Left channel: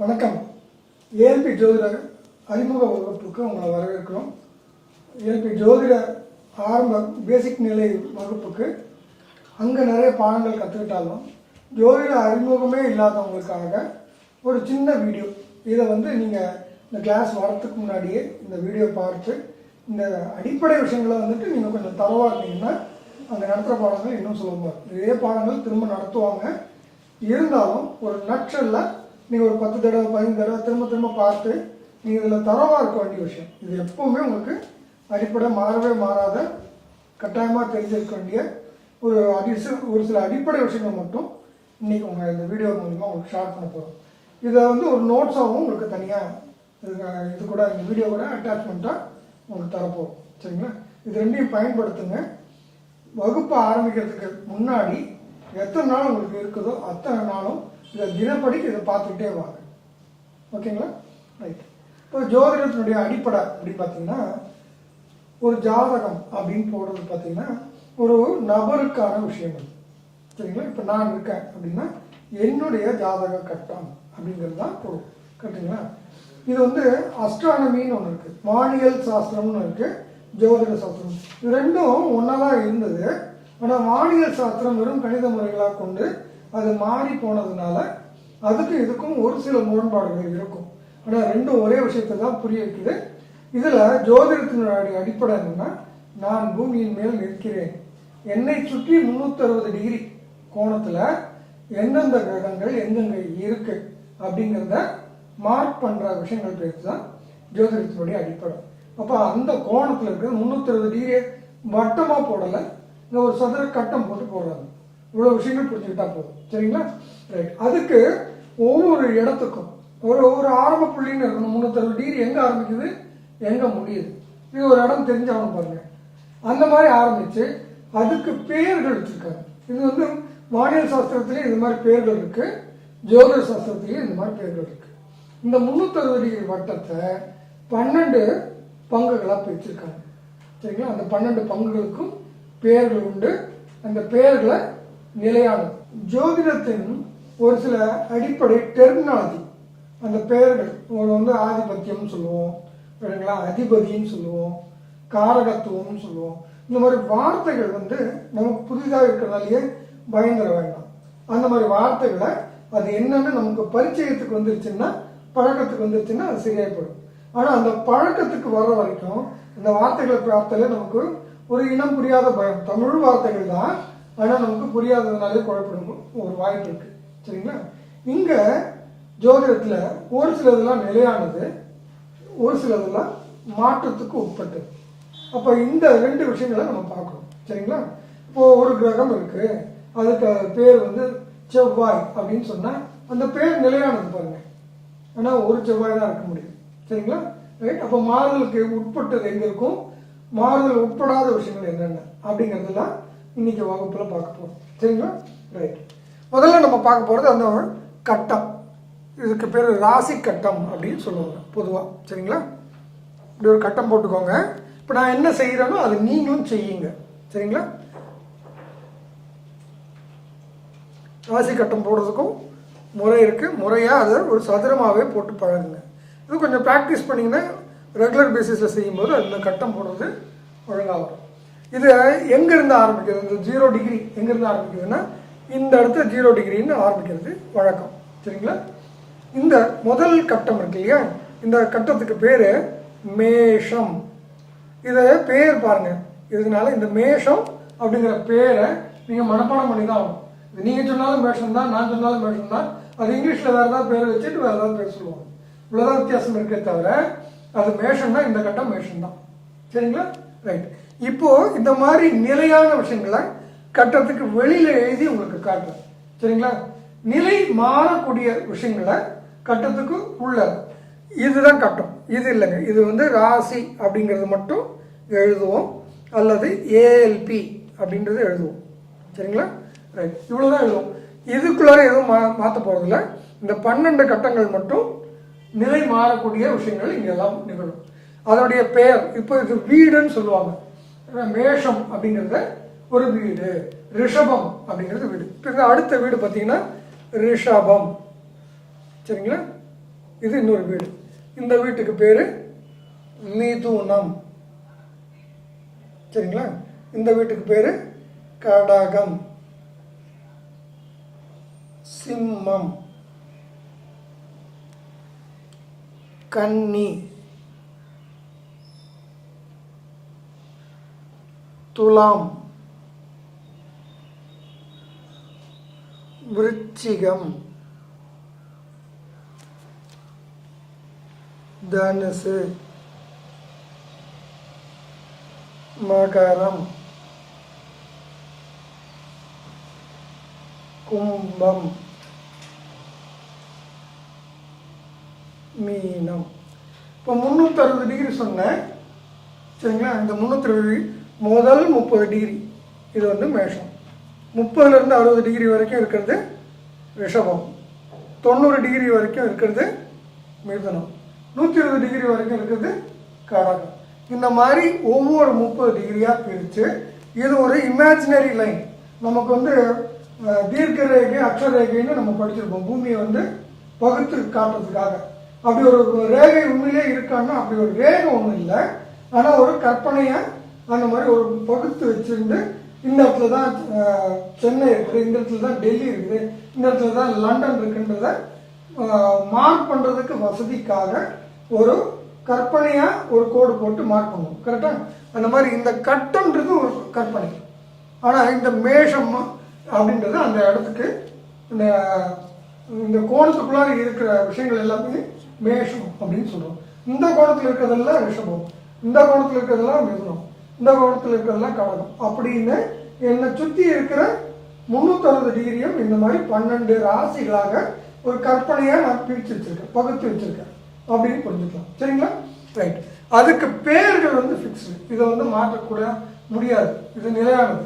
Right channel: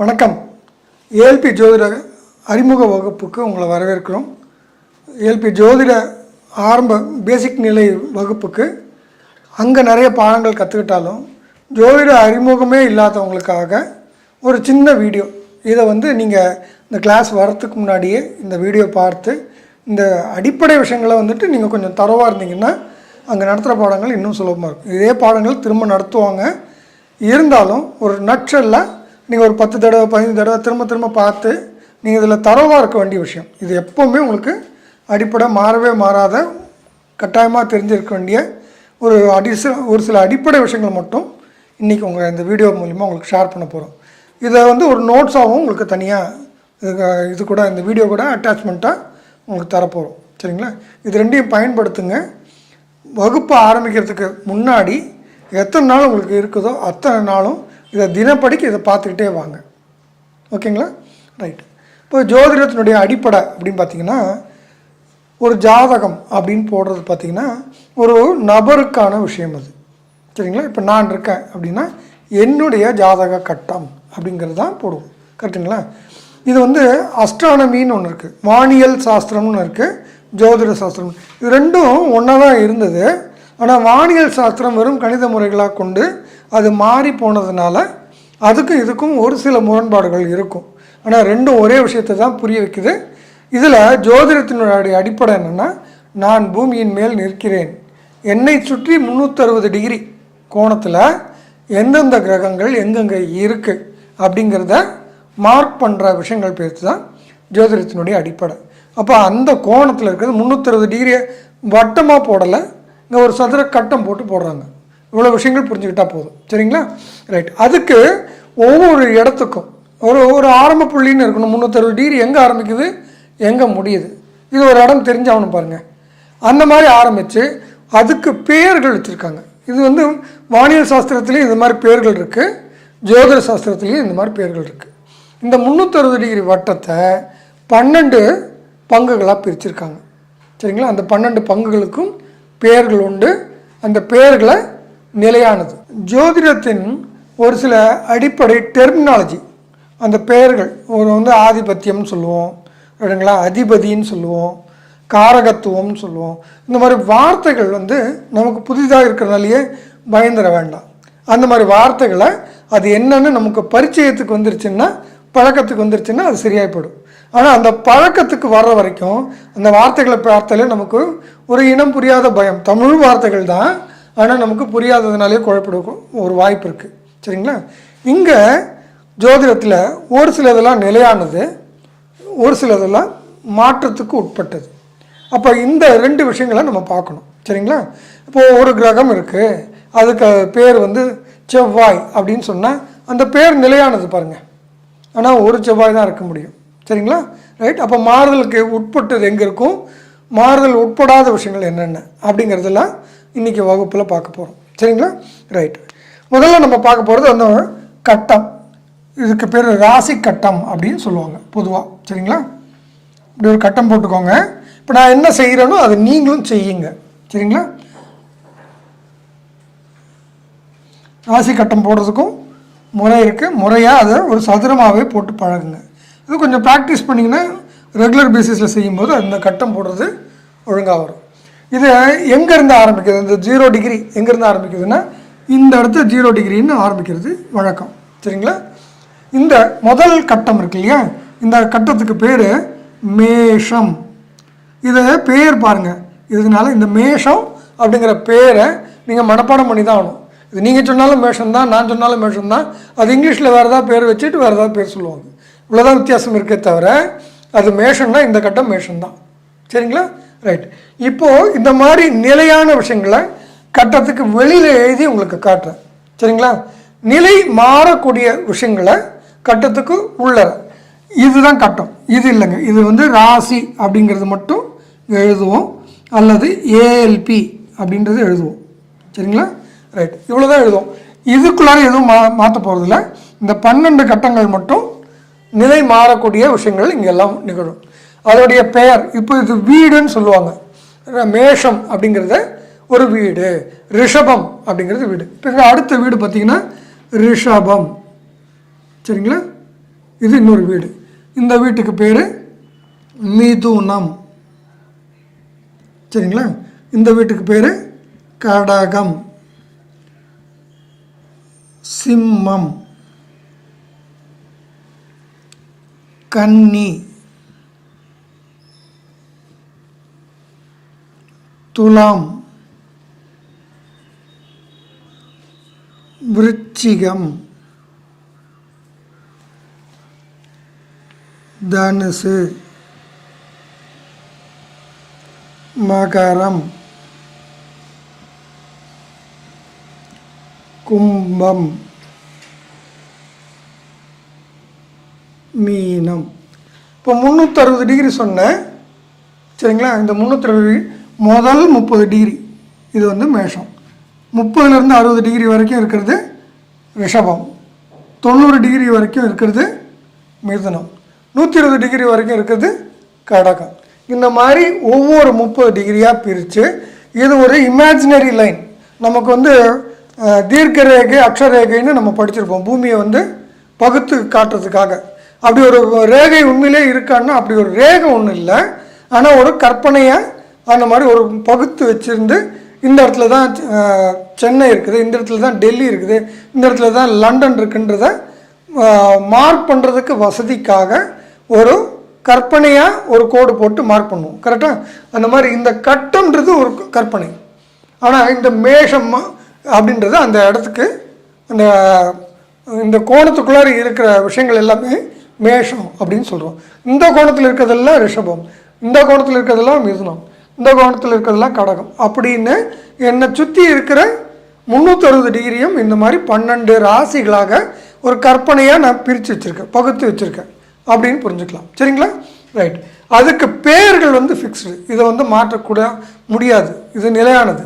வணக்கம். ஏஎல்பி ஜோதிட அறிமுக வகுப்புக்கு உங்களை வரவேற்கிறோம். ஏஎல்பி ஜோதிட ஆரம்ப பேசிக் நிலை வகுப்புக்கு அங்கே நிறைய பாடங்கள் கற்றுக்கிட்டாலும் ஜோதிட அறிமுகமே இல்லாதவங்களுக்காக ஒரு சின்ன வீடியோ. இதை நீங்கள் இந்த கிளாஸ் வரத்துக்கு முன்னாடியே இந்த வீடியோ பார்த்து இந்த அடிப்படை விஷயங்களை நீங்கள் கொஞ்சம் தரவாக இருந்தீங்கன்னா அங்கே நடத்துகிற பாடங்கள் இன்னும் சுலபமாக இருக்கும். இதே பாடங்கள் திரும்ப நடத்துவாங்க. இருந்தாலும் ஒரு நட்சல்ல நீங்கள் ஒரு 10 தடவை 15 தடவை திரும்ப பார்த்து நீங்கள் இதில் தரவாக இருக்க வேண்டிய விஷயம். இது எப்போவுமே உங்களுக்கு அடிப்படை மாறவே மாறாத கட்டாயமாக தெரிஞ்சிருக்க வேண்டிய ஒரு சில அடிப்படை விஷயங்கள் மட்டும் இன்றைக்கி உங்கள் இந்த வீடியோ மூலிமா உங்களுக்கு ஷேர் பண்ண போகிறோம். இதை ஒரு நோட்ஸாகவும் உங்களுக்கு தனியாக இது கூட இந்த வீடியோ கூட அட்டாச்மெண்ட்டாக உங்களுக்கு தரப்போகிறோம். சரிங்களா? இது ரெண்டையும் பயன்படுத்துங்க. வகுப்பு ஆரம்பிக்கிறதுக்கு முன்னாடி எத்தனை நாள் உங்களுக்கு இருக்குதோ அத்தனை நாளும் இதை தினப்படிக்கு இதை பார்த்துக்கிட்டே வாங்க. ஓகேங்களா? ரைட். இப்போ ஜோதிடத்தினுடைய அடிப்படை அப்படின்னு பார்த்திங்கன்னா, ஒரு ஜாதகம் அப்படின்னு போடுறது பார்த்திங்கன்னா ஒரு நபருக்கான விஷயம் அது. சரிங்களா? இப்போ நான் இருக்கேன் அப்படின்னா என்னுடைய ஜாதக கட்டம் அப்படிங்கிறது தான் போடுவோம். கரெக்டுங்களா? இது அஸ்ட்ரானமின்னு ஒன்று இருக்குது, வானியல் சாஸ்திரம்னு இருக்குது, ஜோதிட சாஸ்திரம். இது ரெண்டும் ஒன்றா தான் இருந்தது. ஆனால் வானியல் சாஸ்திரம் வெறும் கணித முறைகளாக கொண்டு அது மாறி போனதுனால அதுக்கும் இதுக்கும் ஒரு சில முரண்பாடுகள் இருக்கும். ஆனால் ரெண்டும் ஒரே விஷயத்தை தான் புரிய வைக்குது. இதில் ஜோதிடத்தினுடைய அடிப்படை என்னென்னா, நான் பூமியின் மேல் நிற்கிறேன், என்னை சுற்றி 360 டிகிரி கோணத்தில் எந்தெந்த கிரகங்கள் எங்கெங்கே இருக்குது அப்படிங்கிறத மார்க் பண்ணுற விஷயங்கள் பேர்த்து தான் ஜோதிடத்தினுடைய அடிப்படை. அப்போ அந்த கோணத்தில் இருக்கிறது 360 டிகிரியை வட்டமாக போடலை, இங்கே ஒரு சதுர கட்டம் போட்டு போடுறாங்க. இவ்வளோ விஷயங்கள் புரிஞ்சுக்கிட்டால் போதும். சரிங்களா? ரைட். அதுக்கு ஒவ்வொரு இடத்துக்கும் ஒரு ஆரம்ப புள்ளின்னு இருக்கணும். 360 டிகிரி எங்கே ஆரம்பிக்குது எங்கே முடியுது, இது ஒரு இடம் தெரிஞ்சாகணும் பாருங்கள். அந்த மாதிரி ஆரம்பித்து அதுக்கு பெயர்கள் வச்சுருக்காங்க. இது வானியல் சாஸ்திரத்துலேயும் இந்த மாதிரி பெயர்கள் இருக்குது, ஜோதிட சாஸ்திரத்துலேயும் இந்த மாதிரி பெயர்கள் இருக்குது. இந்த 360 டிகிரி வட்டத்தை 12 பங்குகளாக பிரிச்சிருக்காங்க. சரிங்களா? அந்த 12 பங்குகளுக்கும் பெயர்கள் உண்டு. அந்த பெயர்களை நிலையானது. ஜோதிடத்தின் ஒரு சில அடிப்படை டெர்மினாலஜி, அந்த பெயர்கள் ஒரு ஆதிபத்தியம்னு சொல்லுவோம், இல்லைங்களா, அதிபதின்னு சொல்லுவோம், காரகத்துவம்னு சொல்லுவோம். இந்த மாதிரி வார்த்தைகள் நமக்கு புதிதாக இருக்கிறனாலேயே பயந்துட வேண்டாம். அந்த மாதிரி வார்த்தைகளை அது என்னென்னு நமக்கு பரிச்சயத்துக்கு வந்துருச்சுன்னா, பழக்கத்துக்கு வந்துருச்சுன்னா அது சரியாயிப்படும். ஆனால் அந்த பழக்கத்துக்கு வர்ற வரைக்கும் அந்த வார்த்தைகளை பார்த்தாலே நமக்கு ஒரு இனம் புரியாத பயம். தமிழ் வார்த்தைகள் தான், ஆனால் நமக்கு புரியாததுனாலே குழப்பிடும் ஒரு வாய்ப்பு இருக்குது. சரிங்களா? இங்கே ஜோதிடத்தில் ஒரு சிலதெல்லாம் நிலையானது, ஒரு சிலதெல்லாம் மாற்றத்துக்கு உட்பட்டது. அப்போ இந்த 2 விஷயங்களை நம்ம பார்க்கணும். சரிங்களா? இப்போது ஒரு கிரகம் இருக்குது, அதுக்கு பேர் செவ்வாய் அப்படின்னு சொன்னால் அந்த பேர் நிலையானது பாருங்கள். ஆனால் ஒரு செவ்வாய் தான் இருக்க முடியும். சரிங்களா? ரைட். அப்போ மாறுதலுக்கு உட்பட்டது எங்கே இருக்கும், மாறுதல் உட்படாத விஷயங்கள் என்னென்ன அப்படிங்கிறதெல்லாம் இன்றைக்கி வகுப்பில் பார்க்க போகிறோம். சரிங்களா? ரைட். முதல்ல நம்ம பார்க்க போகிறது அந்த கட்டம். இதுக்கு பேர் ராசி கட்டம் அப்படின்னு சொல்லுவாங்க பொதுவாக. சரிங்களா? இப்படி ஒரு கட்டம் போட்டுக்கோங்க. இப்போ நான் என்ன செய்கிறேனோ அதை நீங்களும் செய்யுங்க. சரிங்களா? ராசி கட்டம் போடுறதுக்கும் முறை இருக்குது. முறையாக அதை ஒரு சதுரமாகவே போட்டு பழகுங்க. இது கொஞ்சம் ப்ராக்டிஸ் பண்ணிங்கன்னா ரெகுலர் பேசிஸில் செய்யும்போது அந்த கட்டம் போடுறது ஒழுங்காக வரும். இது எங்கேருந்து ஆரம்பிக்கிறது, இந்த 0 டிகிரி எங்கேருந்து ஆரம்பிக்குதுன்னா இந்த இடத்துல 0 டிகிரின்னு ஆரம்பிக்கிறது வழக்கம். சரிங்களா? இந்த முதல் கட்டம் இருக்கு இல்லையா, இந்த கட்டத்துக்கு பேர் மேஷம். இதை பேர் பாருங்கள். இதனால இந்த மேஷம் அப்படிங்கிற பேரை நீங்கள் மனப்பாடம் பண்ணி தான் ஆகணும். இது நீங்கள் சொன்னாலும் மேஷம் தான், நான் சொன்னாலும் மேஷம் தான். அது இங்கிலீஷில் வேறு ஏதாவது பேர் வச்சுட்டு வேறு ஏதாவது பேர் சொல்லுவாங்க. இவ்வளோதான் வித்தியாசம் இருக்கே தவிர அது மேஷன்னா இந்த கட்டம் மேஷம் தான். சரிங்களா? ரைட். இப்போது இந்த மாதிரி நிலையான விஷயங்களை கட்டத்துக்கு வெளியில் எழுதி உங்களுக்கு காட்டுறேன். சரிங்களா? நிலை மாறக்கூடிய விஷயங்களை கட்டத்துக்கு உள்ள இதுதான் கட்டம். இது இல்லைங்க, இது ராசி அப்படிங்கிறது மட்டும் எழுதுவோம், அல்லது ஏஎல்பி அப்படின்றது எழுதுவோம். சரிங்களா? ரைட். இவ்வளோ தான் எழுதுவோம். இதுக்குள்ளார எதுவும் மாற்ற போகிறதில்ல. இந்த 12 கட்டங்கள் மட்டும் நிலை மாறக்கூடிய விஷயங்கள் இங்கெல்லாம் நிகழும். அதோடைய பெயர் இப்போ இது வீடுன்னு சொல்லுவாங்க. மேஷம் அப்படிங்கிறத ஒரு வீடு, ரிஷபம் அப்படிங்கிறது வீடு. இப்போ அடுத்த வீடு பார்த்திங்கன்னா ரிஷபம். சரிங்களா? இது இன்னொரு வீடு. இந்த வீட்டுக்கு பேர் மிதுனம். சரிங்களா? இந்த வீட்டுக்கு பேர் கடகம், சிம்மம், கன்னி, துலாம், விருச்சிகம், தனுசு, மகரம், கும்பம், மீனம். இப்போ 360 டிகிரி சொன்னேன். சரிங்களா? இந்த 360 முதல் 30 டிகிரி இது வந்து மேஷம். 30லேருந்து 60 டிகிரி வரைக்கும் இருக்கிறது ரிஷபம். 90 டிகிரி வரைக்கும் இருக்கிறது மிதுனம். 120 டிகிரி வரைக்கும் இருக்கிறது கடகம். இந்த மாதிரி ஒவ்வொரு 30 டிகிரியாக பிரித்து இது ஒரு இமேஜினரி லைன். நமக்கு வந்து தீர்க்க ரேகை அக்ஷரேகைன்னு நம்ம படிச்சிருப்போம். பூமியை வந்து பகுத்து காட்டுறதுக்காக. அப்படி ஒரு ரேகை உண்மையிலே இருக்கான்னா அப்படி ஒரு ரேகை ஒன்றும் இல்லை. ஆனால் ஒரு கற்பனையை அந்த மாதிரி ஒரு பகுத்து வச்சுருந்து இந்த இடத்துல தான் சென்னை இருக்குது, இந்த இடத்துல தான் டெல்லி இருக்குது, இந்த இடத்துல தான் லண்டன் இருக்குன்றத மார்க் பண்ணுறதுக்கு வசதிக்காக ஒரு கற்பனையாக ஒரு கோடு போட்டு மார்க் பண்ணுவோம். கரெக்டாக? அந்த மாதிரி இந்த கட்டுன்றது ஒரு கற்பனை. ஆனால் இந்த மேஷம் அப்படின்றது அந்த இடத்துக்கு அந்த இந்த கோணத்துக்குள்ளார இருக்கிற விஷயங்கள் எல்லாமே மேஷம் அப்படின்னு சொல்கிறோம். இந்த கோணத்தில் இருக்கிறதெல்லாம் ரிஷபம், இந்த கோணத்தில் இருக்கிறதெல்லாம் மிதுனம், இந்த கோணத்தில் இருக்கிறதெல்லாம் கடகம் அப்படின்னு என்னை சுற்றி இருக்கிற 360 டிகிரியும் இந்த மாதிரி 12 ராசிகளாக ஒரு கற்பனையாக நான் பிரித்து வச்சுருக்கேன், பகுத்து வச்சுருக்கேன் அப்படின்னு புரிஞ்சுக்கலாம். சரிங்களா? ரைட். அதுக்கு பேர்கள் வந்து ஃபிக்ஸ்டு. இதை வந்து மாற்றக்கூட முடியாது. இது நிலையானது.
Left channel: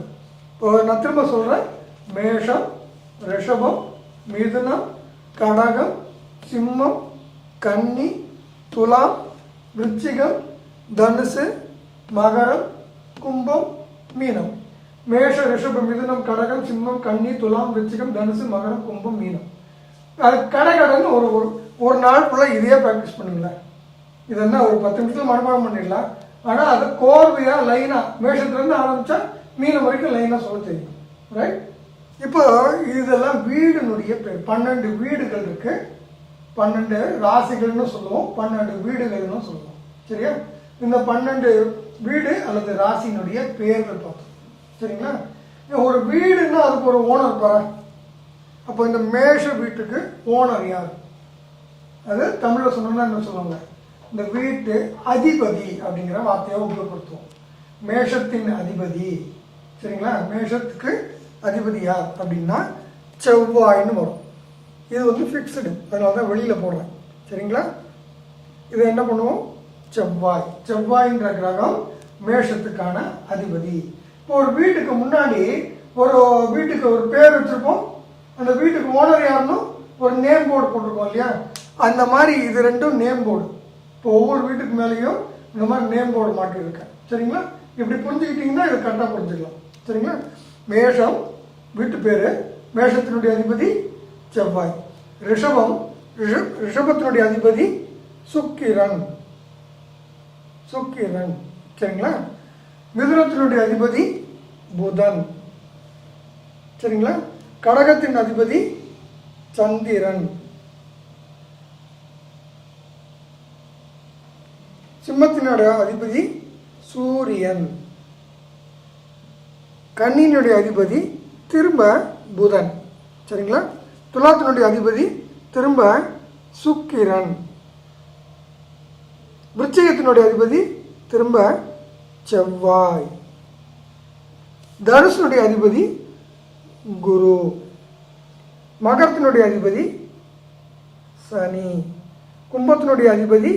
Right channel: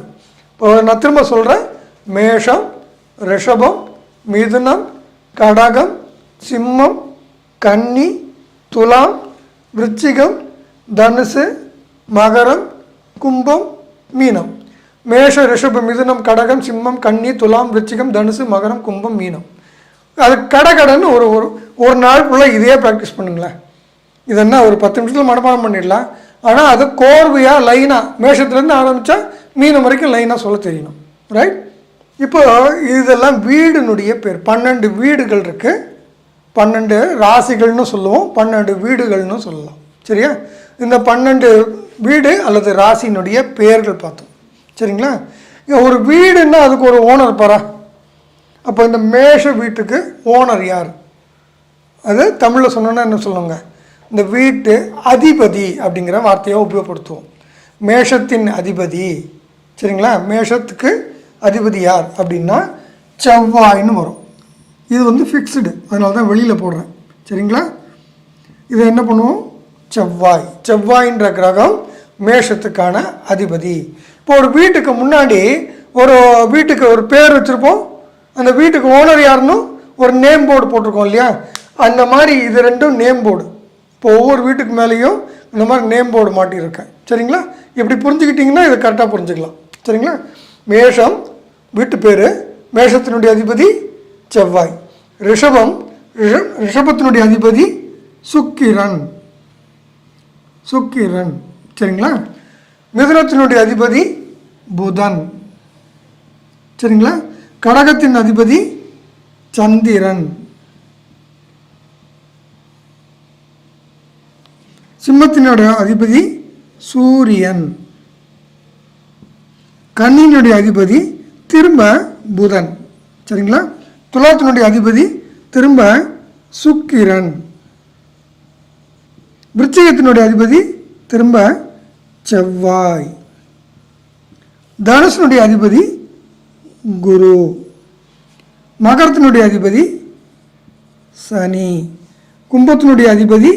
இப்போ நான் திரும்ப சொல்கிறேன். மேஷம், ரிஷபம், மிதுனம், கடகம், சிம்மம், கன்னி, துலாம், விருச்சிகம், தனுசு, மகரம், கும்பம், மீனம். மேஷ, ரிஷபம், மிதுனம், கடகம், சிம்மம், கன்னி, துலாம், விருச்சிகம், தனுசு, மகரம், கும்பம், மீனம். அது கடகடன்னு ஒரு நாள் ஃபுல்லாக இதையே ப்ராக்டிஸ் பண்ணுங்களேன். இதென்னா ஒரு 10 நிமிஷத்தில் மனப்பாடம் பண்ணிடலாம். ஆனால் அது கோர்வையாக லைனாக மேஷத்துலேருந்து ஆரம்பித்தா மீனம் வரைக்கும் லைனாக சொல்ல தெரியணும். ரைட்? இப்போ இதெல்லாம் வீடுனுடைய பேர். 12 வீடுகள் இருக்குது. 12 ராசிகள்னு சொல்லுவோம், 12 வீடுகள்னு சொல்லலாம். சரியா? இந்த 12 வீடு அல்லது ராசினுடைய பெயர்கள் பார்த்தோம். சரிங்களா? ஒரு வீடுன்னா அதுக்கு ஒரு ஓனர் பாரா. அப்போ இந்த மேஷ வீட்டுக்கு ஓனர் யார்? அது தமிழில் சொன்னோன்னா என்ன சொல்லுவாங்க? இந்த வீட்டு அதிபதி அப்படிங்கிற வார்த்தையை உபயோகப்படுத்துவோம். மேஷத்தின் அதிபதி. சரிங்களா? மேஷத்துக்கு அதிபதி யார் அப்படின்னா செவ்வாய்னு வரும். இது வந்து ஃபிக்ஸ்டு, அதனால தான் வெளியில் போடுறேன். சரிங்களா? இதை என்ன பண்ணுவோம்? செவ்வாய். செவ்வாயின்ற கிரகம் மேஷத்துக்கான அதிபதி. இப்போ ஒரு வீட்டுக்கு முன்னாடி ஒரு வீட்டுக்கு ஒரு பேர் வச்சுருப்போம். அந்த வீட்டுக்கு ஓனர் யாருன்னு ஒரு நேம் போர்டு போட்டிருக்கோம் இல்லையா? அந்த மாதிரி இது ரெண்டும் நேம் போர்டு. இப்போ ஒவ்வொரு வீட்டுக்கு மேலேயும் இந்த மாதிரி நேம் போர்டு மாட்டியிருக்கேன். சரிங்களா? இப்படி புரிஞ்சுக்கிட்டிங்கன்னா இதை கரெக்டாக புரிஞ்சுக்கலாம். சரிங்களா? மேஷம் வீட்டு பேர், மேஷத்தினுடைய அதிபதி செவ்வாய். ரிஷபம், ரிஷபத்தினுடைய அதிபதி சுக்கிரன். சுக்கிரன். சரிங்களா? மிதுனத்தினுடைய அதிபதி புதன். சரிங்களா? கடகத்தின் அதிபதி சந்திரன். சிம்மத்தினுடைய அதிபதி சூரியன். கன்னியினுடைய அதிபதி திரும்ப புதன். சரிங்களா? துலாத்தினுடைய அதிபதி திரும்ப சுக்கிரன். விருச்சிகத்தினுடைய அதிபதி திரும்ப செவ்வாய். தனுசனுடைய அதிபதி குரு. மகரத்தினுடைய அதிபதி சனி. கும்பத்தினுடைய அதிபதி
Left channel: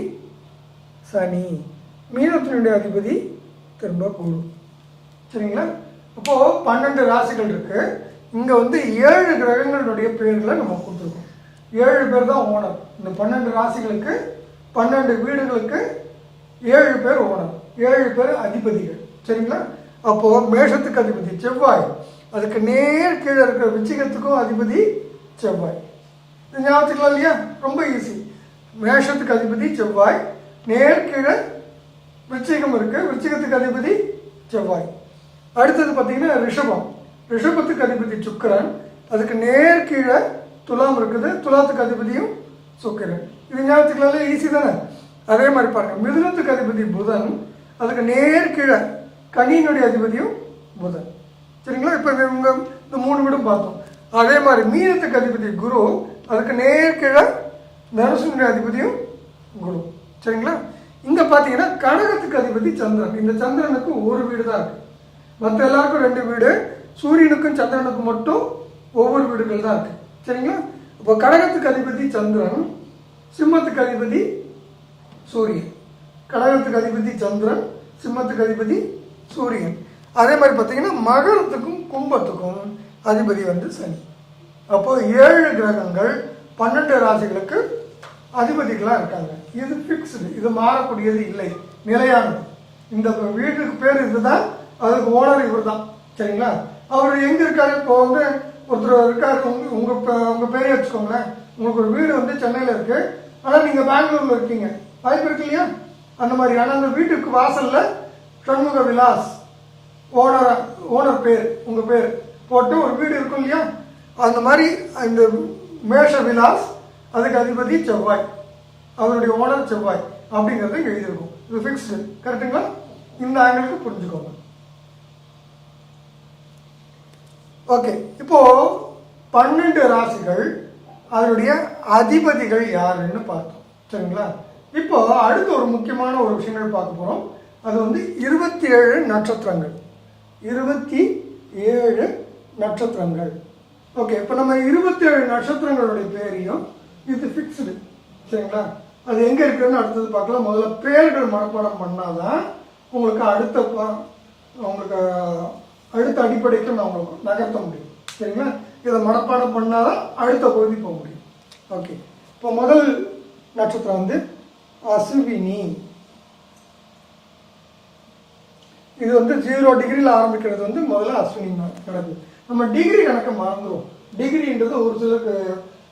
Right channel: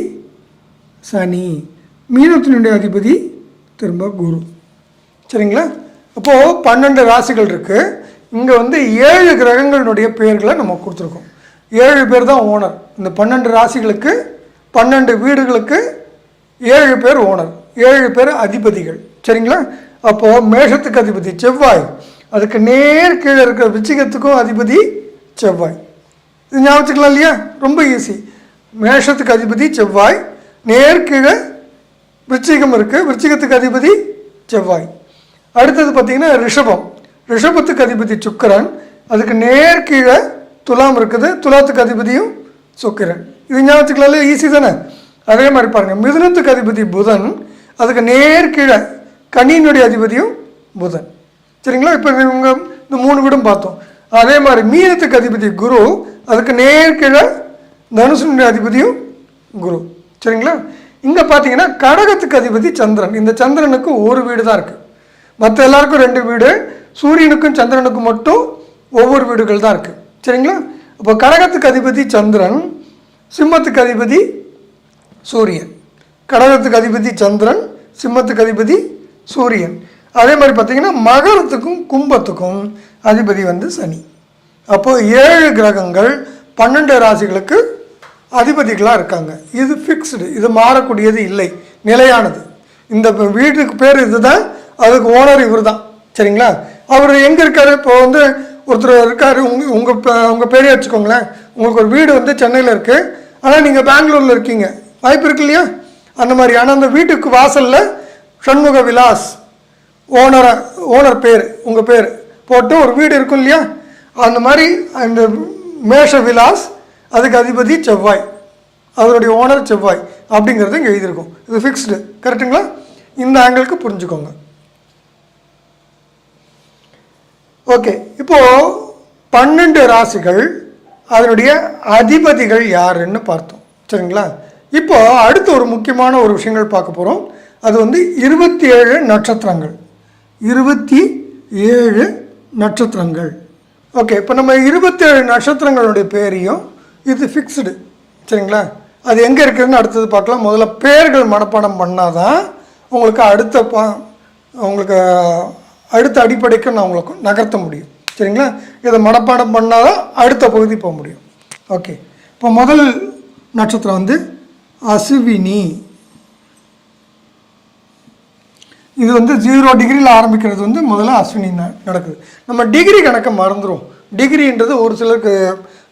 சனி. மீனத்தினுடைய அதிபதி திரும்ப குரு. சரிங்களா? அப்போது 12 ராசிகள் இருக்குது. இங்கே வந்து 7 கிரகங்களுடைய பெயர்களை நம்ம கொடுத்துருக்கோம். 7 பேர் தான் ஓனர். இந்த 12 ராசிகளுக்கு 12 வீடுகளுக்கு 7 பேர் ஓனர், 7 பேர் அதிபதிகள். சரிங்களா? அப்போது மேஷத்துக்கு அதிபதி செவ்வாய். அதுக்கு நேர் கீழே இருக்கிற விருச்சிகத்துக்கும் அதிபதி செவ்வாய். இது ஞாபகத்துக்கலாம் இல்லையா? ரொம்ப ஈஸி. மேஷத்துக்கு அதிபதி செவ்வாய், நேர்கீழே விருச்சிகம் இருக்குது, விருச்சிகத்துக்கு அதிபதி செவ்வாய். அடுத்தது பார்த்திங்கன்னா ரிஷபம், ரிஷபத்துக்கு அதிபதி சுக்கிரன், அதுக்கு நேர்கீழே துலாம் இருக்குது, துலாத்துக்கு அதிபதியும் சுக்கிரன். இது ஞாபகத்துக்குள்ள ஈஸி தானே. அதே மாதிரி பாருங்கள், மிதுனத்துக்கு அதிபதி புதன், அதுக்கு நேர்கீழே கனியினுடைய அதிபதியும் புதன். சரிங்களா? இப்போ இவங்க இந்த 3 வீடும் பார்த்தோம். அதே மாதிரி மீனத்துக்கு அதிபதி குரு, அதுக்கு நேர்கீழே தனுசனுடைய அதிபதியும் குரு. சரிங்களா? இங்கே பார்த்தீங்கன்னா கடகத்துக்கு அதிபதி சந்திரன். இந்த சந்திரனுக்கு ஒரு வீடு தான் இருக்குது, மற்ற எல்லாருக்கும் 2 வீடு, சூரியனுக்கும் சந்திரனுக்கும் மட்டும் ஒவ்வொரு வீடுகள் தான் இருக்குது. சரிங்களா? இப்போ கடகத்துக்கு அதிபதி சந்திரன், சிம்மத்துக்கு அதிபதி சூரியன். கடகத்துக்கு அதிபதி சந்திரன், சிம்மத்துக்கு அதிபதி சூரியன். அதே மாதிரி பார்த்திங்கன்னா மகரத்துக்கும் கும்பத்துக்கும் அதிபதி வந்து சனி. அப்போது 7 கிரகங்கள் 12 ராசிகளுக்கு அதிபதிகளாக இருக்காங்க. இது ஃபிக்ஸ்டு, இது மாறக்கூடியது இல்லை, நிலையானது. இந்த வீட்டுக்கு பேர் இது தான், அதுக்கு ஓனர் இவர் தான். சரிங்களா? அவர் எங்கே இருக்கார்? இப்போ வந்து ஒருத்தர் இருக்கார், உங்கள் பேரே வச்சுக்கோங்களேன். உங்களுக்கு ஒரு வீடு வந்து சென்னையில் இருக்குது, ஆனால் நீங்கள் பெங்களூரில் இருக்கீங்க, வாய்ப்பு இருக்கு இல்லையா? அந்த மாதிரி. ஆனால் அந்த வீட்டுக்கு வாசலில் சண்முக விலாஸ் ஓனர் பேர், உங்கள் பேர் போட்டு ஒரு வீடு இருக்கும் இல்லையா? அந்த மாதிரி அந்த மேஷ விலாஸ், அதுக்கு அதிபதி செவ்வாய், அதனுடைய ஓனர் செவ்வாய் அப்படிங்கிறது இங்கே எழுதியிருக்கும். இது ஃபிக்ஸ்டு. கரெக்டுங்களா? இந்த ஆங்கிளுக்கு புரிஞ்சுக்கோங்க. ஓகே, இப்போது 12 ராசிகள் அதனுடைய அதிபதிகள் யாருன்னு பார்த்தோம். சரிங்களா? இப்போ அடுத்த ஒரு முக்கியமான ஒரு விஷயங்கள் பார்க்க போகிறோம். அது வந்து 27 நட்சத்திரங்கள். 27 நட்சத்திரங்கள். ஓகே, இப்போ நம்ம 27 நட்சத்திரங்களுடைய பேரையும், இது ஃபிக்ஸ்டு. சரிங்களா? அது எங்கே இருக்குதுன்னு அடுத்தது பார்க்கலாம். முதல்ல பேர்கள் மனப்பாடம் பண்ணால் தான் உங்களுக்கு உங்களுக்கு அடுத்த அடிப்படைக்கு நான் உங்களுக்கு நகர்த்த முடியும். சரிங்களா? இதை மனப்பாடம் பண்ணால் தான் அடுத்த பகுதி போக முடியும். ஓகே, இப்போ முதல் நட்சத்திரம் வந்து அசுவினி. இது வந்து 0 டிகிரியில் ஆரம்பிக்கிறது வந்து முதல்ல அஸ்வினி நடக்குது. நம்ம டிகிரி கணக்கை மறந்துடும். டிகிரின்றது ஒரு சிலருக்கு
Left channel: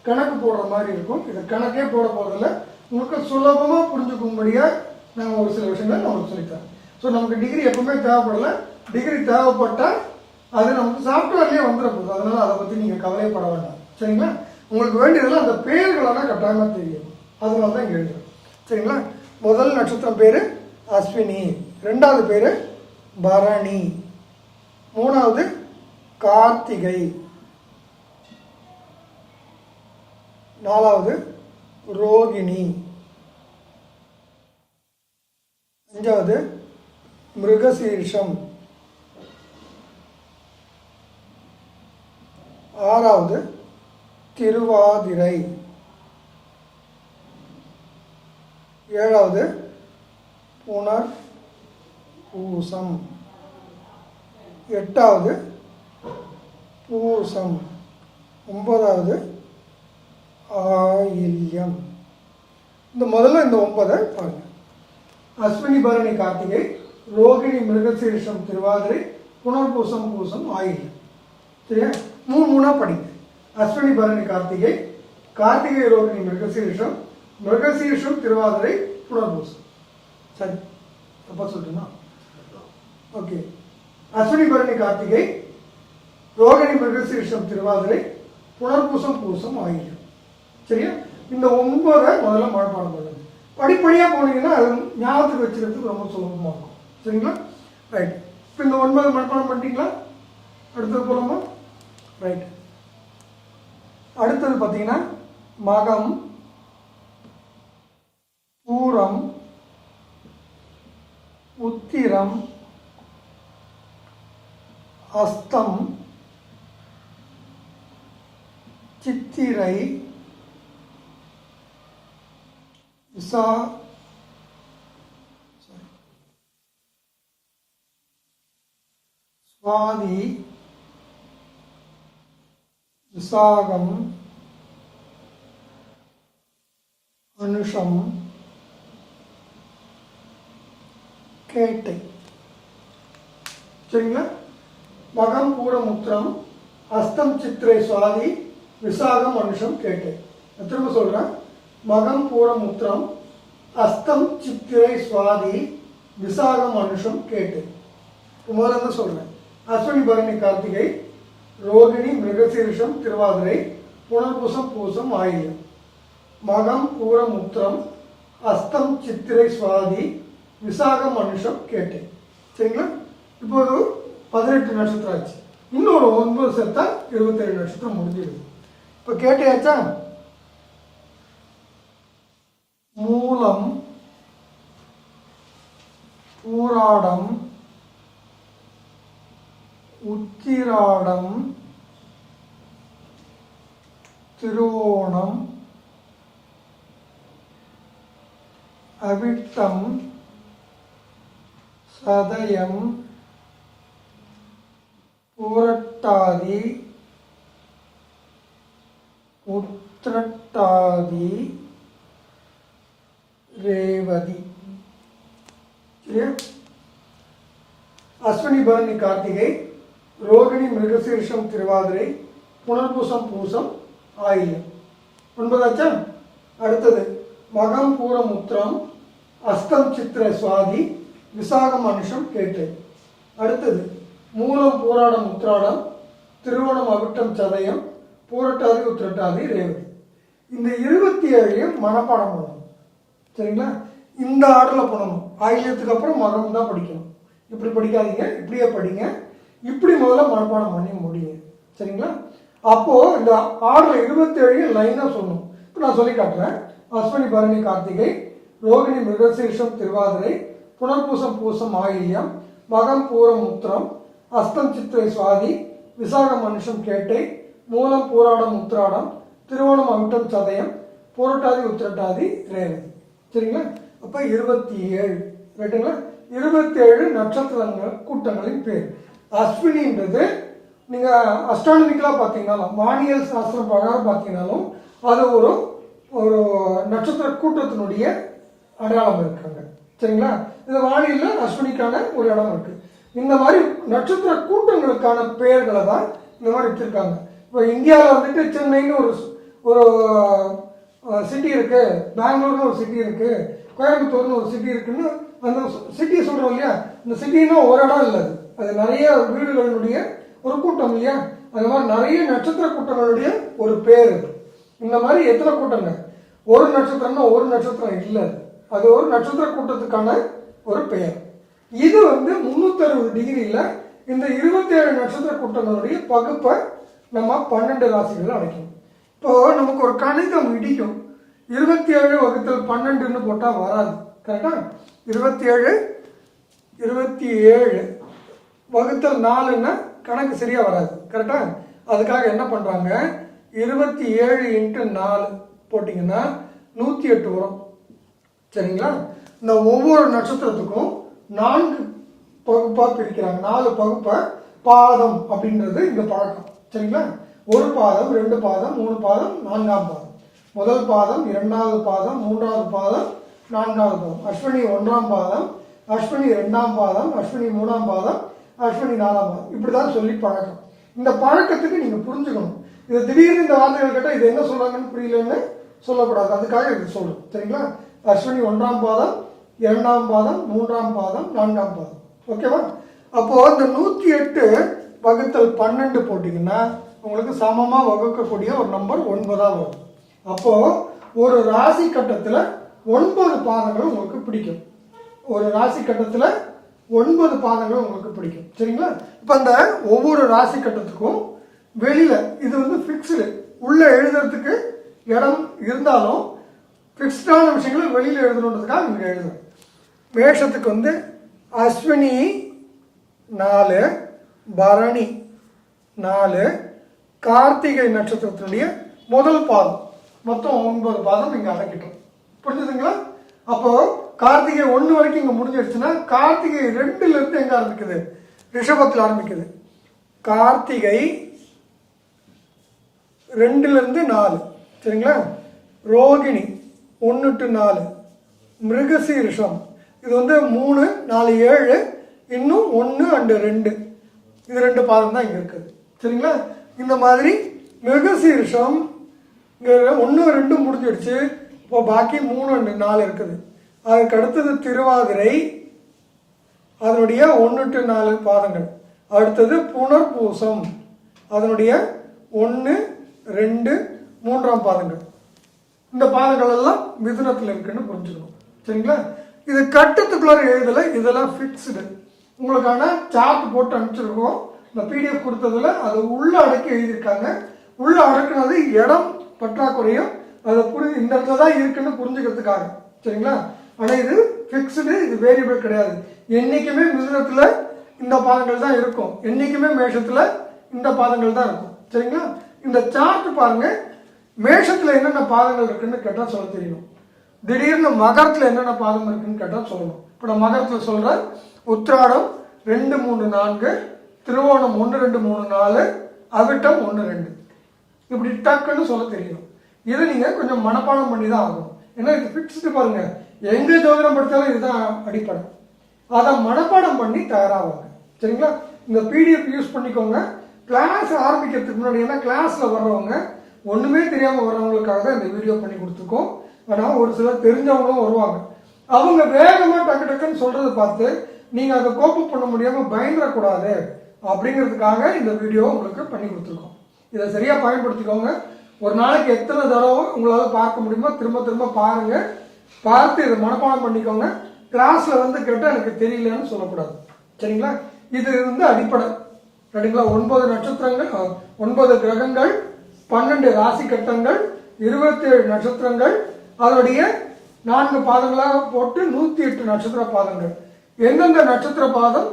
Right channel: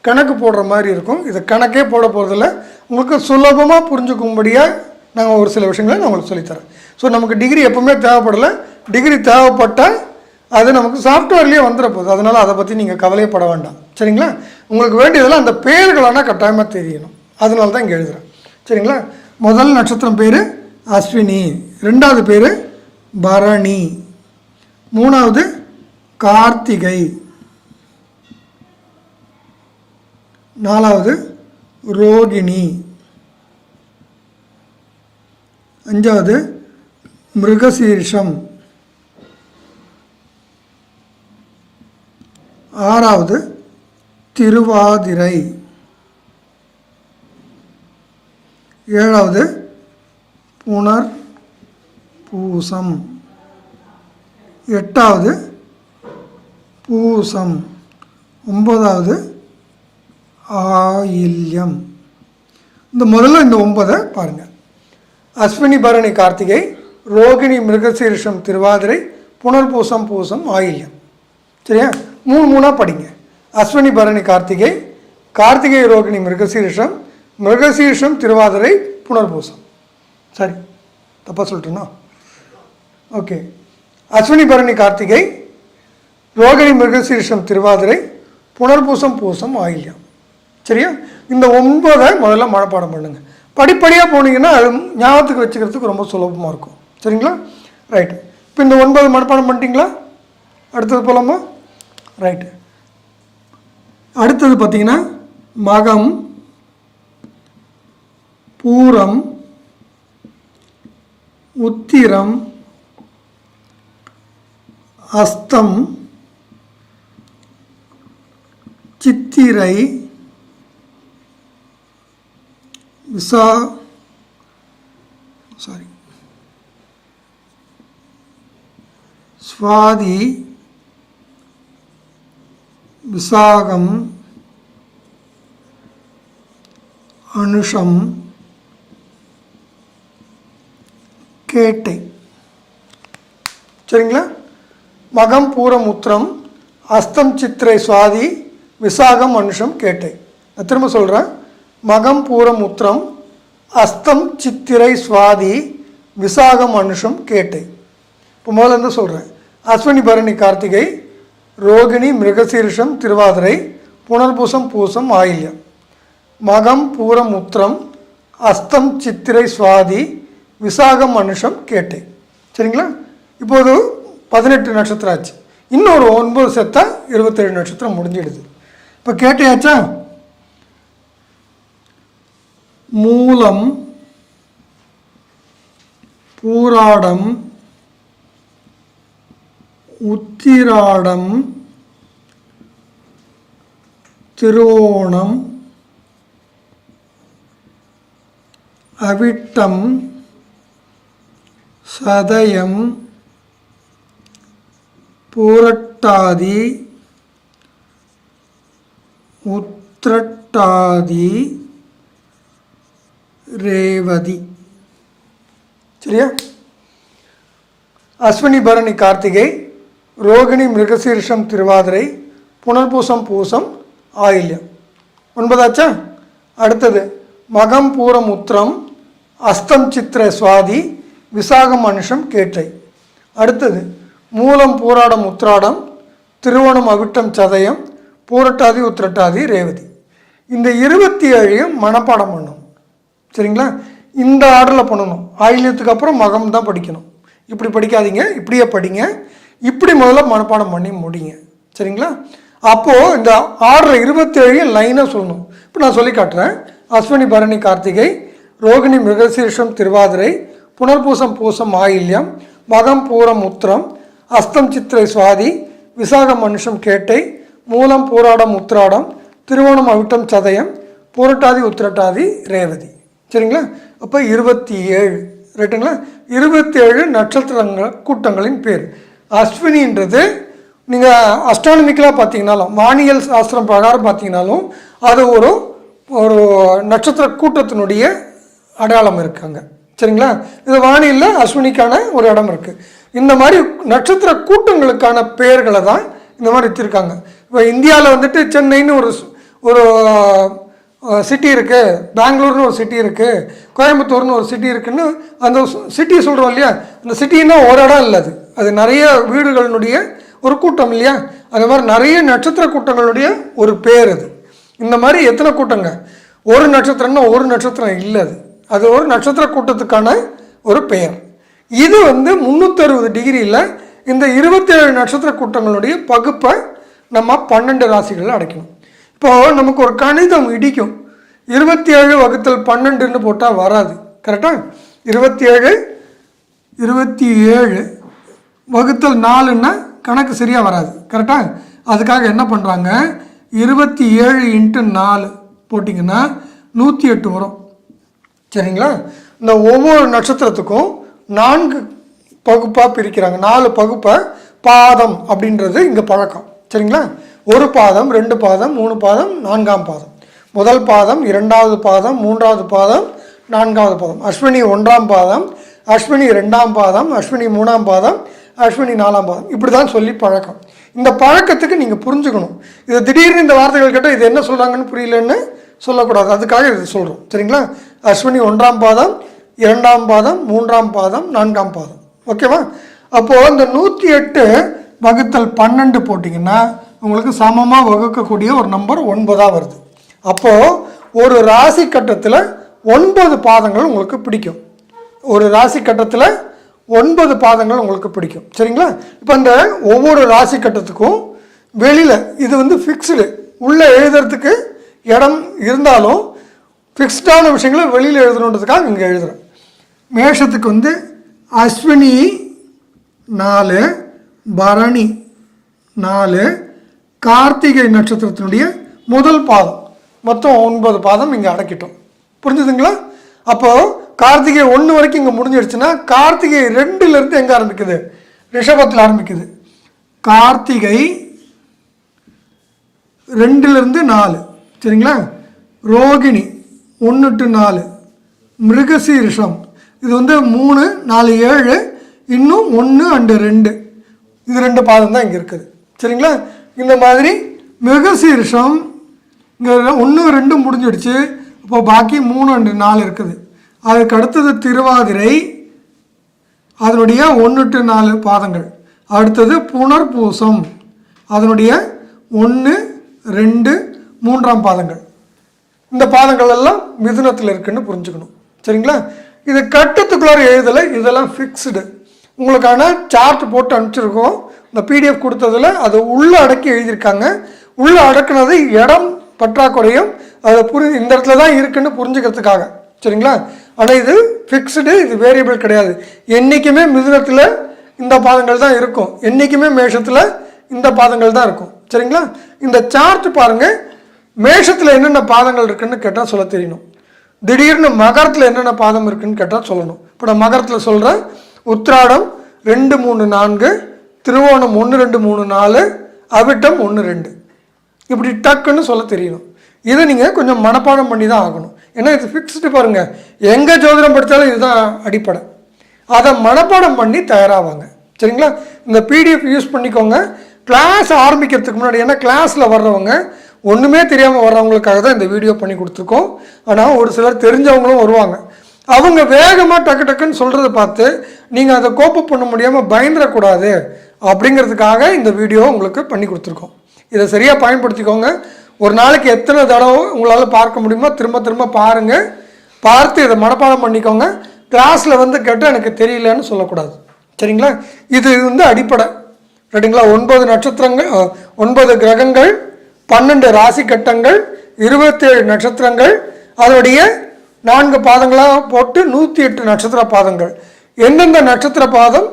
கணக்கு போடுற மாதிரி இருக்கும். இது கணக்கே போட போகிறதில்ல, உங்களுக்கு சுலபமாக புரிஞ்சுக்கும்படியாக நாங்கள் ஒரு சில விஷயங்களை நான் உங்களுக்கு சொல்லித்தரேன். ஸோ நமக்கு டிகிரி எப்போவுமே தேவைப்படலை. டிகிரி தேவைப்பட்டால் அது நமக்கு சாஃப்ட்வேர்லேயே வந்துட போகுது. அதனால் அதை பற்றி நீங்கள் கவலைப்பட வேண்டாம். சரிங்களா? உங்களுக்கு வேண்டியதெல்லாம் அந்த பேர்களானால் கட்டாயமாக தெரியணும். அதனால தான் இங்கே எழுதுகிறேன். சரிங்களா? முதல் நட்சத்திரம் பேர் அஸ்வினி, 2வது பேர் பரணி, 3வது கார்த்திகை, 4வது ரோகிணி, 5வது மிருகசீரிஷம், 6வது திருவாதிரை, 7வது புனர் பூசம், 8வது பூசம், 9வது ஆயில்யம். இந்த முதல்ல இந்த 9 பாருங்கள். அஸ்வினி பரணி கார்த்திகை, ரோகிணி மிருகசீரிஷம் திருவாதிரை, புனர்பூசம் பூசம் ஆயில்யம். சரியா? 3 படிங்க. அஸ்வினி பரணி கார்த்திகை, கார்த்திகை ரோகிணி மிருகசீரிஷம், மிருகசீரிஷம் திருவாதிரை, புனர்பூசம். சரி, தப்பாக சொல்லிட்டேன்னா? ஓகே, அஸ்வினி பரணி கார்த்திகை, ரோகிணி மிருகசீரிஷம் திருவாதிரை, புனர்பூசம் பூசம் ஆயில்யம். சரியா? இந்த 9 முதல்ல மனப்பாடம் பண்ணுங்கள். படிப்படியாக போனீங்கன்னா அது ஞாபகத்துக்கு வச்சுக்கிறதுக்கு ரொம்ப சுலபமாக இருக்கும். சரிங்களா? ரைட்டு. இப்போ இந்த 9 மனப்பாடம் பண்ணிட்டீங்களா? அடுத்தது போகலாமா? ரைட்டு. அடுத்தது பார்த்திங்கன்னா மகம், பூரம், உத்திரம், அஸ்தம், சித்திரை, சுவாதி, விசாகம், அனுஷம், கேட்டை. சரிங்களா? மகம், பூரம், உத்திரம், அஸ்தம், சித்திரை, சுவாதி, விசாகம், அனுஷம், கேட்டை. நான் திரும்ப சொல்கிறேன். மகம் பூரம் உத்திரம் அஸ்தம் சித்திரை சுவாதி விசாகம் அனுஷம் கேட்டை. இப்போ முதல்ல இருந்து சொல்கிறேன். அஸ்வினி பரணி கார்த்திகை, ரோகிணி மிருகசீரிஷம் திருவாதிரை, புனர்பூசம் பூசம் ஆயில்யம், மகம் பூரம் உத்திரம் அஸ்தம் சித்திரை சுவாதி விசாகம் அனுஷம் கேட்டை. சரிங்களா? இப்போது 18 நட்சத்திரம் ஆச்சு. இன்னொரு 9 சேர்த்தா 27 நட்சத்திரம் முடிஞ்சிடுது. இப்போ கேட்டையாச்சா? மூலம், பூராடம், உத்திராடம், திருவோணம், அவிட்டம், சதயம், பூரட்டாதி, உத்திரட்டாதி, ரேவதி. சரியா? அஸ்வினி பரணி கார்த்திகை, ரோகிணி மிருகசீரிஷம் திருவாதிரை, புனர்பூசம் பூசம் ஆயில்யம். 9 ஆச்சா? அடுத்தது மகம் பூரம் உத்திரம் அஸ்தம் சித்திரை சுவாதி விசாகம் அனுஷம் கேட்டை. அடுத்தது மூலம் பூராடம் உத்திராடம் திருவோணம் அவிட்டம் சதயம் பூரட்டாதி உத்திரட்டாதி ரேவதி. இந்த 27 மனப்பாடம் பண்ணணும். சரிங்களா? இந்த ஆர்டரில் பண்ணணும். ஆயில்யத்துக்கு அப்புறம் மகம் தான் படிக்கணும். இப்படி படிக்காதீங்க, இப்படியே படிங்க. இப்படி முதல்ல மனப்பாடம் பண்ணி முடிங்க. சரிங்களா? அப்போது இந்த ஆர்டரில் 27 லைனாக சொல்லணும். இப்போ நான் சொல்லி காட்டுறேன். அஸ்வினி பரணி கார்த்திகை, ரோகிணி மிருகசீரிஷம் திருவாதிரை, புனர்பூசம் பூசம் ஆயில்யம், மகம் பூரம் உத்திரம் அஸ்தம் சித்திரை சுவாதி விசாகம் அனுஷம் கேட்டை, மூலம் பூராடம் உத்திராடம் திருவோணம் அவிட்டம் சதயம் பூரட்டாதி உத்திரட்டாதி ரேவதி. சரிங்களா? அப்போ 27 ரைட்டுங்களா? 27 நட்சத்திரங்கள் கூட்டங்களின் பேர். அஸ்வினின்றது நீங்கள் அஸ்ட்ரானமிக்கலாக பார்த்தீங்கனாலும் வானியல் சாஸ்திரம் பிரகாரம் பார்த்தீங்கனாலும் அது ஒரு ஒரு நட்சத்திர கூட்டத்தினுடைய அடையாளம் இருக்காங்க. சரிங்களா? இது வானியலில் அஸ்வினிக்கான ஒரு இடம் இருக்குது. இந்த மாதிரி நட்சத்திர கூட்டங்களுக்கான பெயர்களை தான் இந்த மாதிரி வச்சுருக்காங்க. இப்போ இந்தியாவில் வந்துட்டு சென்னைன்னு ஒரு ஒரு சிட்டி இருக்குது, பெங்களூர்னு ஒரு சிட்டி இருக்குது, கோயம்புத்தூர்னு ஒரு சிட்டி இருக்குதுன்னு அந்த சிட்டி சொல்கிறோம் இல்லையா? அந்த சிட்டின்னா ஒரு இடம் இல்லை, அது நிறைய வீடுகளினுடைய ஒரு கூட்டம் இல்லையா? அது மாதிரி நிறைய நட்சத்திர கூட்டங்களுடைய ஒரு பேர் அது. இந்த மாதிரி எத்தனை கூட்டங்க? ஒரு நட்சத்திரம்னா ஒரு நட்சத்திரம் இல்லை, அது ஒரு நட்சத்திர கூட்டத்துக்கான ஒரு பெயர். இது 360 டிகிரியில் இந்த 27 நட்சத்திர கூட்டங்களுடைய பகுப்பை நம்ம 12 ராசிகளில் அடைக்கணும். இப்போது நமக்கு ஒரு கணிதம் இடிக்கும். 27 வகுத்தல் 12ன்னு போட்டால் வராது. கரெக்டாக? 27 வகுத்தல் 4ன்னா கணக்கு சரியாக வராது. கரெக்டாக? அதுக்காக என்ன பண்ணுறாங்க, 27 × 4 போட்டிங்கன்னா 108 வரும். சரிங்களா? இந்த ஒவ்வொரு நட்சத்திரத்துக்கும் 4 பகுப்பாக பிரிக்கிறாங்க. 4 பகுப்பை பாதம் அப்படின்றது இங்கே பழக்கம். சரிங்களா? 1 பாதம், 2 பாதம், 3 பாதம், 4ஆம் பாதம். முதல் பாதம், 2வது பாதம், 3வது பாதம், 4வது பாதம். அஸ்வினி 1ஆம் பாதம், அஸ்வினி 2ஆம் பாதம், அஸ்வினி 3ஆம் பாதம், அஸ்வினி 4ஆம் பாதம். இப்படி தான் சொல்லி பழக்கம். இந்த பழக்கத்துக்கு நீங்கள் புரிஞ்சுக்கணும். இது திடீர்னு இந்த வார்த்தைகள் கேட்டால் இது என்ன சொல்கிறாங்கன்னு புரியலன்னு சொல்லக்கூடாது. அதுக்காக இது சொல்கிறோம். சரிங்களா? அஸ்வினி 1ஆம் பாதம், 2ஆம் பாதம், 3ஆம் பாதம், 4ஆம் பாதம். ஓகேவா? அப்போது இந்த 108 வகுத்தல் 12 போட்டிங்கன்னா உங்களுக்கு சமமாக வகுக்கக்கூடிய ஒரு நம்பர் 9 வருது. அப்போது ஒரு ராசி கட்டத்தில் 9 பாதங்கள் உங்களுக்கு பிடிக்கும். ஒரு ராசி கட்டத்தில் 9 பாதங்கள் உங்களுக்கு பிடிக்கும். சரிங்களா? இப்போ அந்த ஒவ்வொரு ராசி கட்டத்துக்கும் வெளியில் இது ஃபிக்ஸ்டு, உள்ளே எழுதுறதுக்கு இடம் இருந்தாலும் ஃபிக்ஸ்டான விஷயங்களை வெளியில் எழுதணுன்றதுக்காக இங்கே எழுதுகிறேன். மேஷத்துக்கு அஸ்வினி 4, பரணி 4, கார்த்திகை நட்சத்திரத்தினுடைய முதல் பாதம், மொத்தம் 9 பாதம் இங்கே அடக்கிட்டோம். புரிஞ்சுதுங்களா? அப்போது கார்த்திகை 1 வரைக்கும் இங்கே முடிஞ்சிடுச்சுன்னா கார்த்திகை 2லேருந்து எங்கே ஆரம்பிக்குது? ரிஷபத்தில் ஆரம்பிக்குது. கார்த்திகை 2லேருந்து 4. சரிங்களா? ரோகிணி 1 to 4, மிருகசீரிஷம் இது 3, 4, 7, இன்னும் 1 and 2, இது 2 பாதம் தான் இங்கே இருக்குது. சரிங்களா? இந்த மாதிரி மிருகசீரிஷம் இங்கே 1, 2 முடிஞ்சிடுச்சு. அப்போது பாக்கி 3 and 4 இருக்குது. அதுக்கு அடுத்தது திருவாதிரை, அதனுடைய 1 to 4 பாதங்கள். அடுத்தது புனர்பூசம், அதனுடைய 1, 2, 3ஆம் பாதங்கள். இந்த பாதங்கள் எல்லாம் மிதுனத்தில் இருக்குன்னு புரிஞ்சுக்கணும். சரிங்களா? இது கட்டத்துக்குள்ளார எழுதலை, இதெல்லாம் ஃபிக்ஸ்டு. உங்களுக்கான சார்ட் போட்டு அனுப்பிச்சிருக்கோம். இந்த பிடிஎஃப் கொடுத்ததில் அது உள்ளே அடக்கி எழுதியிருக்காங்க. உள்ளே அடக்குனது இடம் பற்றாக்குறையும் அதை இந்த இடத்துல தான் இருக்குன்னு புரிஞ்சுக்கிறதுக்காக. சரிங்களா? ஆனால் இது ஃபிக்ஸ்டு, இது வேரியபிள் கிடையாது. என்றைக்குமே மிதுனத்தில் இந்த பாதங்கள் தான் இருக்கும், என்றைக்குமே மேஷத்தில் இந்த பாதங்கள் தான் இருக்கும். சரிங்களா? இந்த சார்ட் பாருங்கள், மேஷத்தில் என்னென்ன பாதங்கள் இருக்குன்னு கேட்டால் சொல்ல தெரியணும். திடீர்னு மகரத்தில் என்னென்ன பாதம் இருக்குன்னு கேட்டால் சொல்லணும். இப்போ நான் மகரத்தில் சொல்கிறேன், உத்திராடம் 2, 3, 4, திருவோணம் 1, 2, 3, 4, அவிட்டம் 1, 2, இப்படி டக்குன்னு சொல்ல தெரியணும். இதை நீங்கள் கொஞ்சம் மனப்பாடம் பண்ணி தான் ஆகணும். ஏன்னா இது ஃபிக்ஸ்டு பாருங்கள், எங்கே ஜோதிடம் படித்தாலும் இதுதான் அடிப்படை. அதை மனப்பாடம் பண்ணி தயாராவாங்க. சரிங்களா? இந்த பிடிஎஃப் யூஸ் பண்ணிக்கோங்க. கிளாஸ் ஆரம்பிக்கிறதுக்கு முன்னாடி, ஏன்னா கிளாஸில் வர்றவங்க ஒன்றுமே தெரியாமல் வர்றவங்களுக்காக தான் இந்த வீடியோ பண்ணி கொடுத்துருக்கோம். ஆனால் ஒரு சிலர் தெரிஞ்சவங்களும் வருவாங்க. அவங்க வேகமாக டக்கு டக்குன்னு சொல்கிறத பார்த்து நீங்கள் அதை கோப்பப் பண்ண முடியாமல் பயந்துடக்கூடாது அப்படிங்கிறதுக்காக இந்த வீடியோ உங்களுக்கு பண்ணி கொடுத்துருக்கோம். இதை சரியாக பயன்படுத்திக்கோங்க. ஒரு நாளைக்கு எத்தனை தடவை உங்களால் பார்க்க முடியுமோ திரும்ப திரும்ப பாருங்கள். பார்த்து இதை மனப்பாடம் பண்ணிக்கோங்க. கிளாஸில் வந்து கேட்டால் எனக்கு தெரியலன்னு சொல்லக்கூடாது. சரிங்களா? இது வந்து அடிப்படை. ரைட்டுங்களா? 9 நட்சத்திரங்கள், 9 கிரகங்கள், 12 ராசி கட்டங்கள், 27 நட்சத்திரங்கள், அதனுடைய 4 பாதங்களாக போட்டு 108 நட்சத்திர பாதங்கள். எந்தெந்த நட்சத்திர பாதம்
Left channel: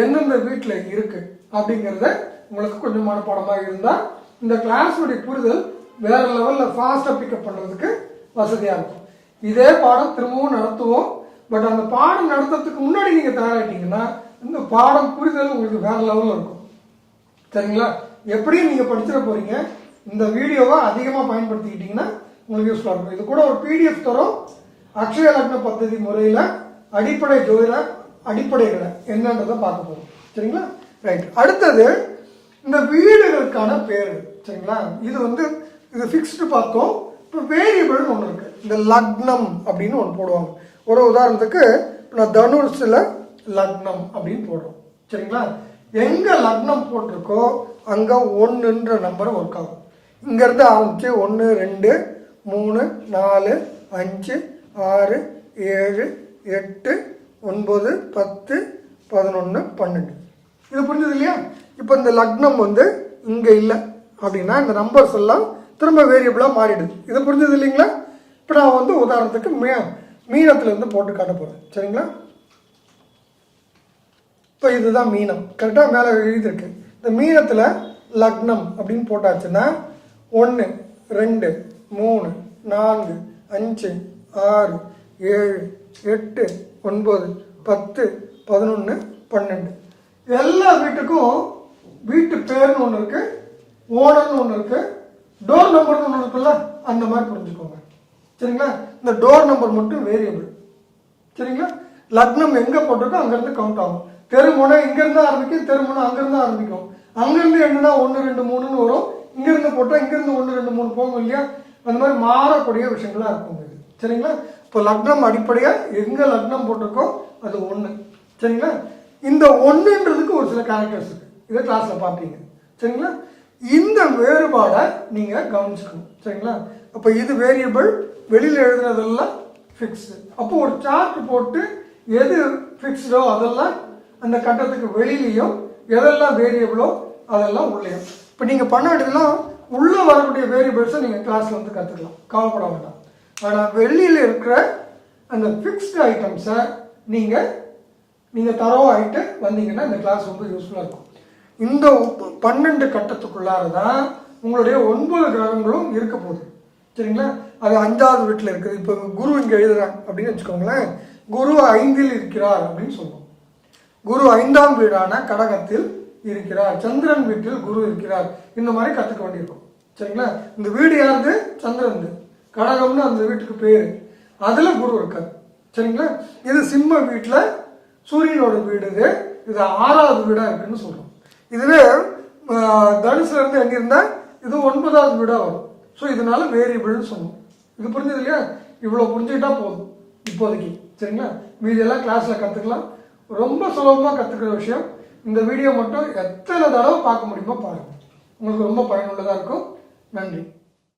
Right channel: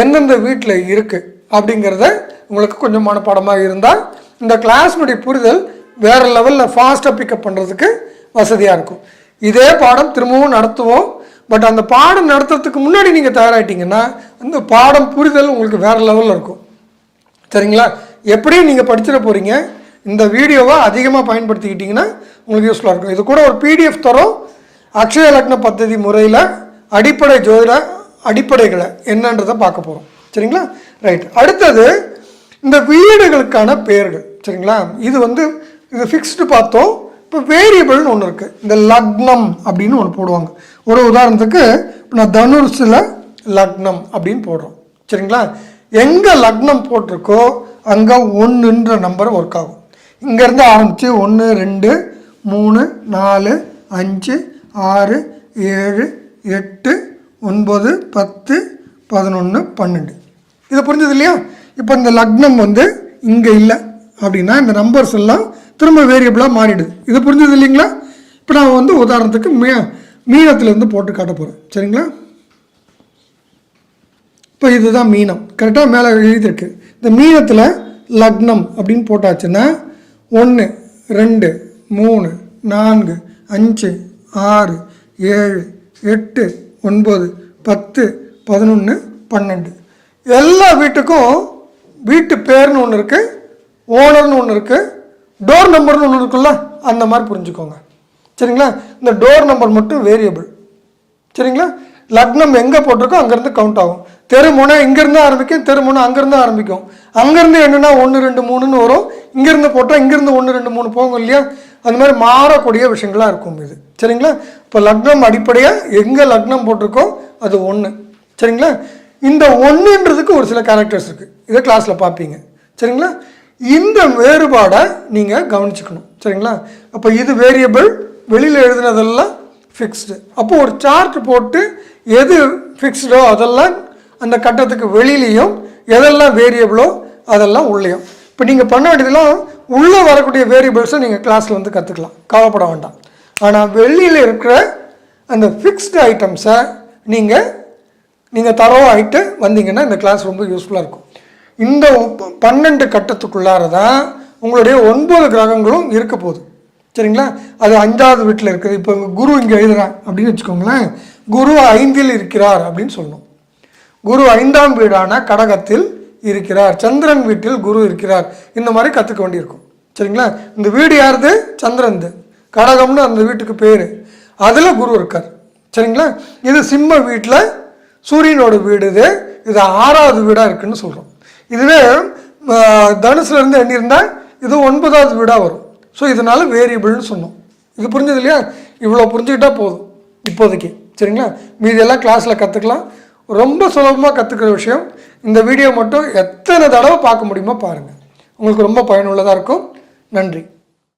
எந்தெந்த வீட்டில் இருக்குது அப்படிங்கிறத உங்களுக்கு கொஞ்சம் மனப்பாடமாக இருந்தால் இந்த கிளாஸ்னுடைய புரிதல் வேறு லெவலில் ஃபாஸ்ட்டாக பிக்கப் பண்ணுறதுக்கு வசதியாக இருக்கும். இதே பாடம் திரும்பவும் நடத்துவோம். பட் அந்த பாடம் நடத்துறதுக்கு முன்னாடி நீங்கள் தயாராகிட்டீங்கன்னா அந்த பாடம் புரிதல் உங்களுக்கு வேறு லெவலில் இருக்கும். சரிங்களா? எப்படியும் நீங்கள் படிச்சிட போகிறீங்க. இந்த வீடியோவை அதிகமாக பயன்படுத்திக்கிட்டிங்கன்னா உங்களுக்கு யூஸ்ஃபுல்லாக இருக்கும். இது கூட ஒரு பிடிஎஃப் தரும். அக்ஷய லக்ன பദ്ധதி முறையில் அடிப்படை ஜோதிட அடிப்படைகளை என்னன்றதை பார்க்க போகிறோம். சரிங்களா? ரைட். அடுத்தது இந்த வீடுகளுக்கான பெயர்கள். சரிங்களா? இது வந்து இது ஃபிக்ஸ்டு பார்த்தோம். இப்போ வேரியபிள்னு ஒன்று இருக்குது. இந்த லக்னம் அப்படின்னு ஒன்று போடுவாங்க. ஒரு உதாரணத்துக்கு இப்போ நான் தனுஷில் லக்னம் அப்படின்னு போடுறோம். சரிங்களா? எங்கே லக்னம் போட்டிருக்கோ அங்கே 1ன்ற நம்பர் ஒர்க் ஆகும். இங்கேருந்து ஆரம்பித்து 1, 2, 3, 4, 5, 6, 7, 8, 9, 10, 11, 12. இது புரிஞ்சது இல்லையா? இப்போ இந்த லக்னம் வந்து இங்கே இல்லை அப்படின்னா இந்த நம்பர்ஸ் எல்லாம் திரும்ப வேரியபிளாக மாறிடுது. இது புரிஞ்சது இல்லைங்களா? இப்போ நான் வந்து உதாரணத்துக்கு மீனத்துலேருந்து போட்டு காட்ட போகிறேன். சரிங்களா? இப்போ இதுதான் மீனம். கரெக்டாக மேலே எழுதியிருக்கு. இந்த மீனத்தில் லக்னம் அப்படின்னு போட்டாச்சுன்னா 1, 2, 3, 4, 5, 6, 7, 8, 9, 10, 11, 12. எல்லா வீட்டுக்கும் வீட்டு பேர்னு ஒன்று இருக்குது, ஓனர்னு ஒன்று இருக்குது, டோர் நம்பர்னு ஒன்று இருக்குல்ல, அந்த மாதிரி புரிஞ்சுக்கோங்க. சரிங்களா? இந்த டோர் நம்பர் மட்டும் வேரியபிள். சரிங்களா? லக்னம் எங்கே போட்டிருக்கோ அங்கேருந்து கவுண்ட் ஆகும். தெருமுனை இங்கேருந்து ஆரம்பிக்கும், தெருமுனை அங்கேருந்து ஆரம்பிக்கும். அங்கேருந்து என்னென்னா 1, 2, 3ன்னு வரும். இங்கேருந்து போட்டால் இங்கேருந்து 1, 2, 3 போகும் இல்லையா? அந்த மாதிரி மாறக்கூடிய விஷயங்களாக இருக்கும் இது. சரிங்களா? இப்போ லக்னம் அடிப்படையாக எங்கே லக்னம் போட்டிருக்கோ அது 1. சரிங்களா? இந்த 1ன்றதுக்கு ஒரு சில கேரக்டர்ஸ் இருக்குது. இதை கிளாஸில் பார்ப்பீங்க. சரிங்களா? இந்த வேறுபாடை நீங்கள் கவனிச்சுக்கணும். சரிங்களா? அப்போ இது வேரியபிள், வெளியில் எழுதுனதெல்லாம் ஃபிக்ஸ்டு. அப்போ ஒரு சார்ட் போட்டு எது ஃபிக்ஸ்டோ அதெல்லாம் அந்த கட்டத்துக்கு வெளியிலையும், எதெல்லாம் வேரியபிளோ அதெல்லாம் உள்ளேயும். இப்போ நீங்கள் பண்ண வேண்டியதெல்லாம் உள்ளே வரக்கூடிய வேரியபிள்ஸை நீங்கள் கிளாஸில் வந்து கற்றுக்கலாம், கவலைப்பட வேண்டாம். ஆனால் வெளியில் இருக்கிற அந்த ஃபிக்ஸ்டு ஐட்டம்ஸை நீங்கள் தரவாயிட்டு வந்தீங்கன்னா இந்த கிளாஸ் ரொம்ப யூஸ்ஃபுல்லாக இருக்கும். இந்த 12 கட்டத்துக்குள்ளார தான் உங்களுடைய 9 கிரகங்களும் இருக்க போகுது. சரிங்களா? அது 5வது வீட்டில் இருக்குது. இப்போ குரு இங்கே எழுதுறான் அப்படின்னு வச்சுக்கோங்களேன். குரு 5ல் இருக்கிறார் அப்படின்னு சொல்லணும். குரு 5ஆம் வீடான கடகத்தில் இருக்கிறார், சந்திரன் வீட்டில் குரு இருக்கிறார். இந்த மாதிரி கற்றுக்க வேண்டியிருக்கும். சரிங்களா? இந்த வீடு யாருது? சந்திரன்து. கடகம்னு அந்த வீட்டுக்கு பேர். அதில் குரு இருக்கார். சரிங்களா? இது சிம்ம வீட்டில் சூரியனோட வீடு. இது 6வது வீடாக இருக்குதுன்னு சொல்கிறோம். இதுவே தனுசுலேருந்து எண்ணியிருந்தால் இது 9வது வீடாக வரும். ஸோ இதனால் வேரியபிள்னு சொன்னோம். இது புரிஞ்சது இல்லையா? இவ்வளோ புரிஞ்சுக்கிட்டா போதும் இப்போதைக்கு. சரிங்களா? மீதியெல்லாம் கிளாஸில் கற்றுக்கலாம். ரொம்ப சுலபமாக கற்றுக்கிற விஷயம். இந்த வீடியோ மட்டும் எத்தனை தடவை பார்க்க முடியுமோ பாருங்கள். உங்களுக்கு ரொம்ப பயனுள்ளதாக இருக்கும். நன்றி.